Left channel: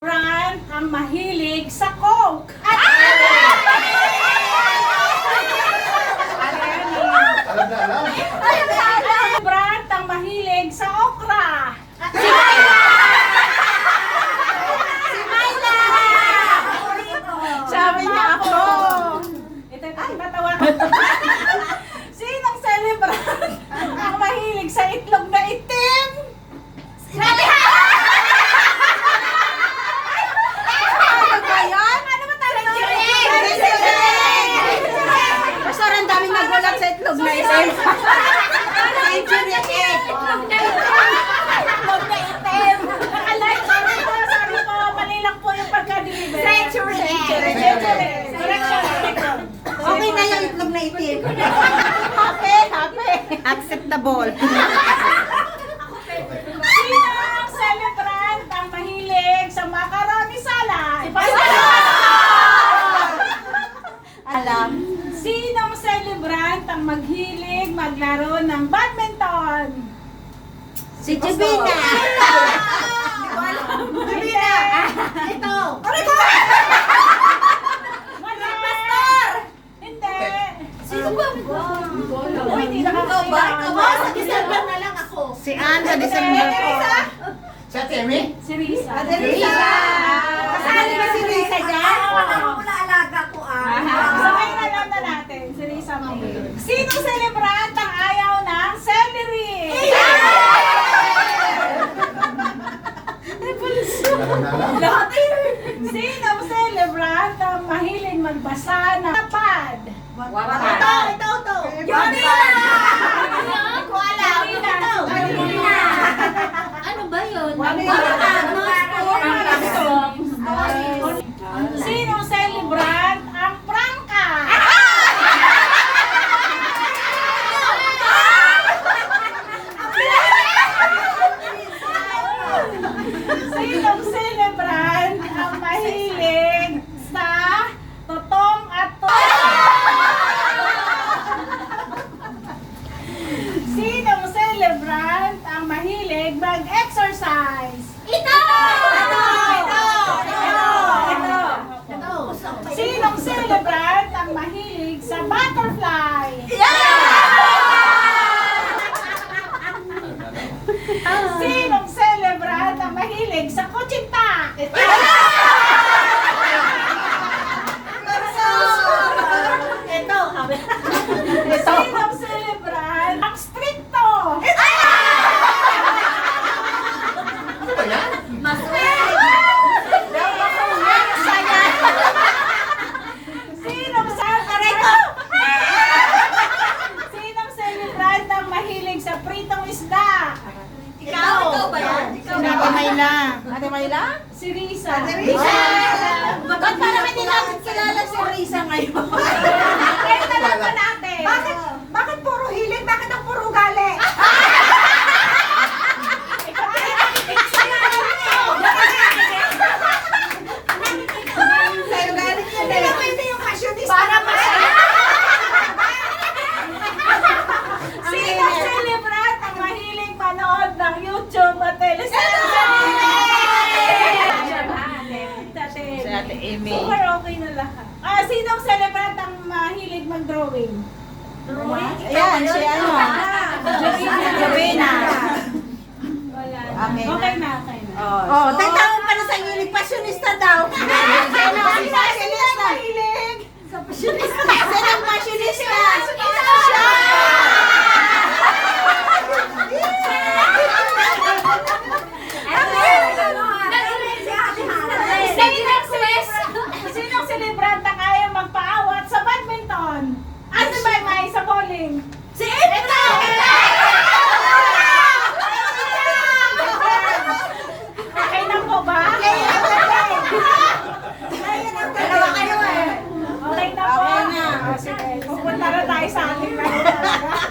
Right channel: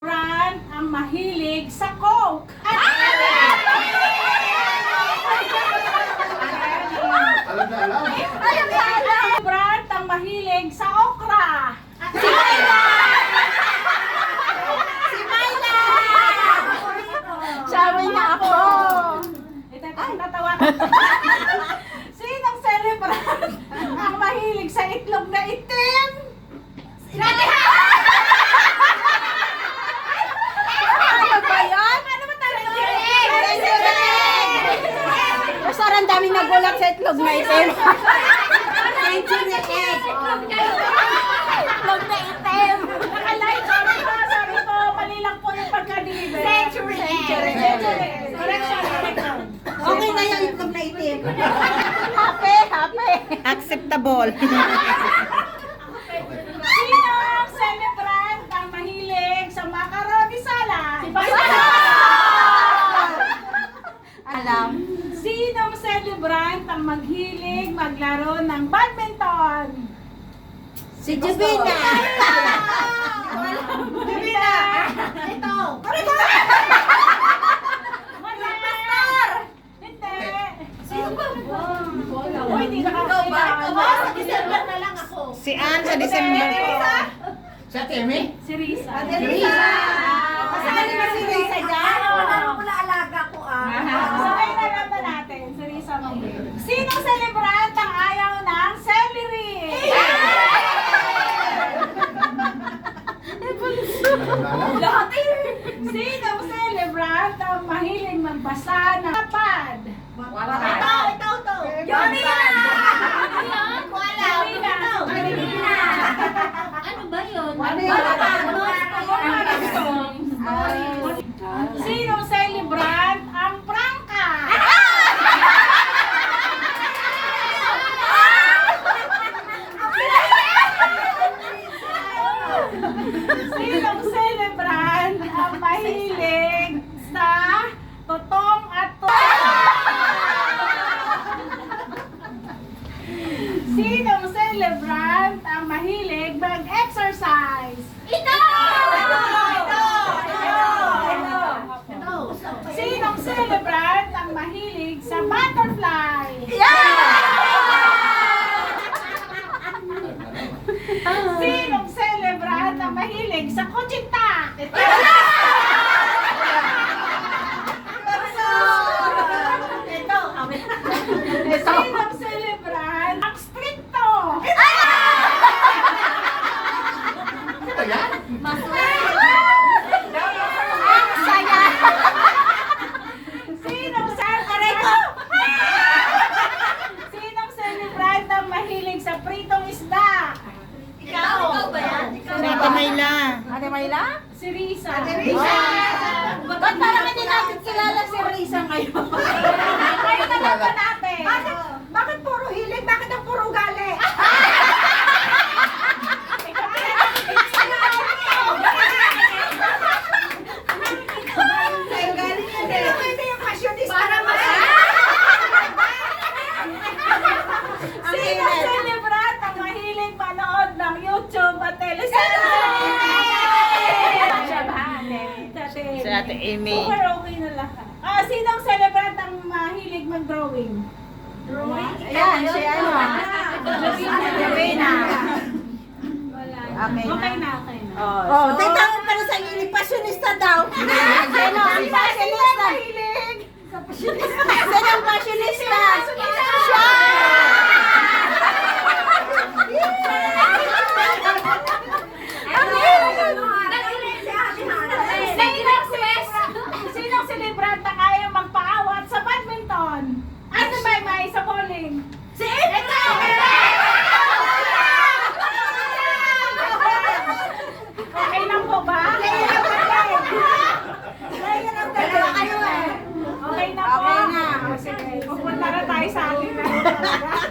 Brand ang mahilig sa Coke. Alam na alam. Brand ang mahilig sa okra. Sabi niya ako. Ito, natawa ko. Sinong celebrant ang mahilig sa itlog na itim? Ano ba yan? Ano ba tayo? Basta ang daming nagulat sa itlog na itim. Century egg. Itlog na itim. Nakalive kami ko. Sabi ko, mali lang po yung pagka-deliver. Century egg. Correction. Okay na yung itlog na itim. Happy. Acceptable. Sinong celebrant ang mahilig sa macaroni salad? Alam. Sinong celebrant ang maghilig maglaro ng badminton? Si Jibina. Jibina! Ito. Pastor! Hindi! Sino ba? Uy, hindi Sa December na lang ako. Si Ann sa December po. Sa Temi? Si Risa. Kasali na si Risa dyan. Oo. alaga ko So, ngayon alam na natin, si Risa mahilig. Sinong celebrant ang ayaw ng celery? Alam na alam. Sinong celebrant ang mahilig magbasa ng tapad? Ito. Johnny Ano ba yun? Sinong celebrant ang prangka? Sinong celebrant ang mahilig sa totong at Sinong celebrant ang mahilig mag-exercise? Ito. Sinong celebrant ang mahilig sa butterfly? Sinong celebrant ang mahilig sa kutsinta? Sinong celebrant ang stricto? Ano ba yan? Sinong celebrant ang mahilig sa pritong isda? Ikaw ba yan? Ate Mayla? Si Risa. Ba't parang hindi natin kilala si Risa ngayon? Kayo na lang ba natin? Bakit puro hiling? Bakit ang puro gali? Ikaw Hindi na pwede yung fashionista. Para Sinong celebrant ang mahilig manood ng YouTube at teleserye? Si Ate Amy. Super okay na lahat. Sinong celebrant ang mahilig mag-drawing? Ayan, si ano? Jovina. Wala. Okay na. Okay na. Oh, Teka mo pa na sa inyo, fashionista daw. Sino ang fashionista? Mahilig. Sino ang fashionista? Siya! Sinong celebrant ang kaya magpaawat sa badminton? Ano ba may sa bowling?